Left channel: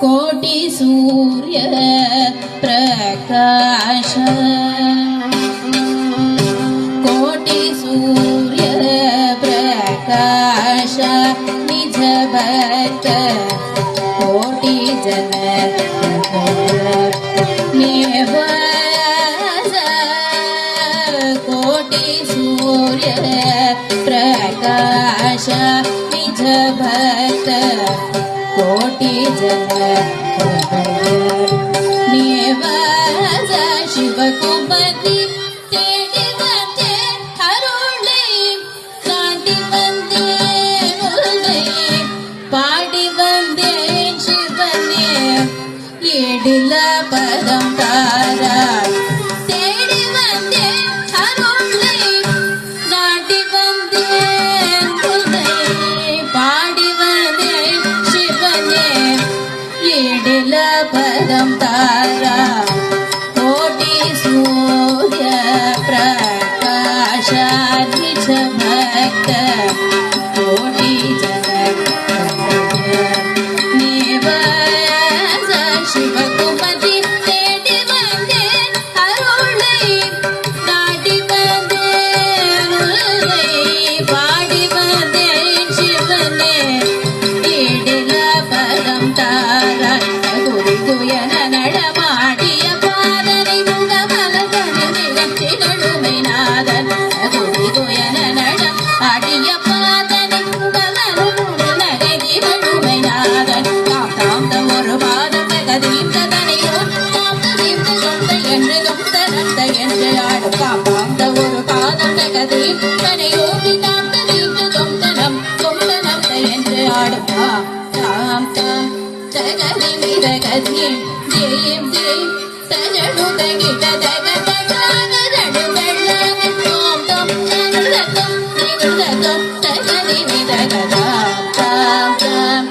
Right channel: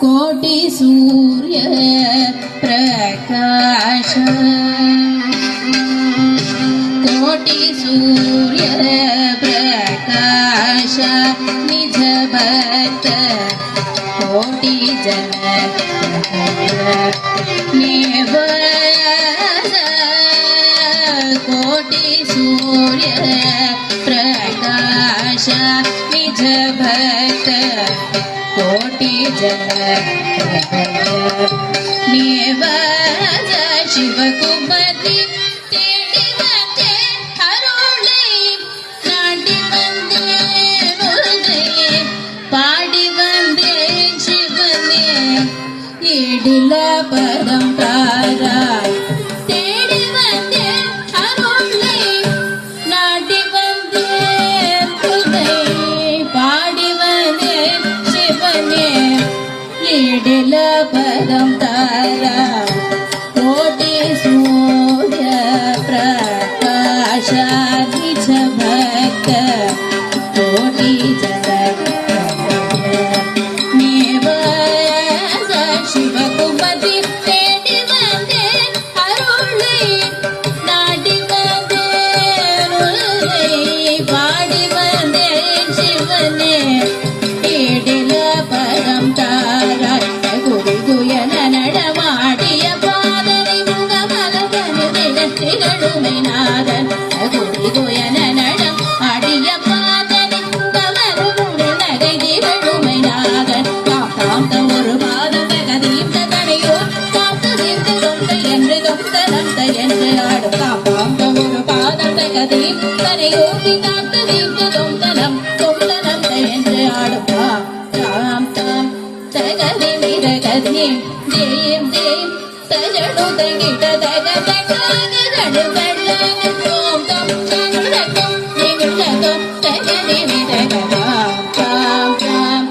ಕೋಟಿ ಸೂರ್ಯ ಪ್ರಕಾಶ ಕೋಟಿ ಸೂರ್ಯ ಪ್ರಕಾಶ ನಿಜ ಭಕ್ತ ಕೋಟಿ ಜನ ನಿವಾಸ ಶಿವಕುಮತಿ ತೇಡಿ ಬಂದೆ ಅರುಳಿ ನಾಟಿ ಬಂದೆ ಹೃದಯ ಪಾಡಿ ಬಂದೆ ಶಿವನೇ ಇಡಿಲ ಪರಂಪರ ತೇಡಿ ಬಂದೆ ಅರುಳಿ ನಾಟಿ ಬಂದೆ ಹೃದಯ ಪಾಡಿ ಬಂದೆ ಶಿವನೇ ಇಡಿಲ ಪರಂಪರ ಕೋಟಿ ಸೂರ್ಯ ಪ್ರಕಾಶ ನಿಜ ಭಕ್ತ ಕೋಟಿ ನಿವಾಸ ಶಿವಕುಮತಿ ತೇಡಿ ಬಂದೆ ಅರುಳಿ ನಾಟಿ ಬಂದೆ ಅರುಳಿ ಪಾಡಿ ಬಂದೆ ಶಿವನೇ ಇಡಿಲ ಪರಂಪರ ಗುರುಗುಯನ ನಡಮಾಡಿಯ ಪಾದರಿ ಮುಗ ಮಲಗನು ಮೇನಾದನ ಗುರುಗುಯನ ನಡ ಆಡಿಯ ಪಾದರಿ ಮುಗ ಮಲಗನು ನಗದಿಗಳು ಮೇನಾದನ ಕಾಪಾಂತ ஒரு பாதம் கதீந்த தனையோ காத்து தீர்த்தொன்று என்று தொந்தனந்த என்று ஆடு காப்பாந்த ஒரு பாதம் கதீந்த தனையோ காத்து தீர்த்த தொந்தனம் தொந்தனந்த என்று ஆடு தாம் தாம் தகதி நித கதி தேம் தேம் தஜடு தகிட தக தகடு வெள்ள தோம் தம் தம் நிருதம் தகதி நித கதாம் தாம் தாம்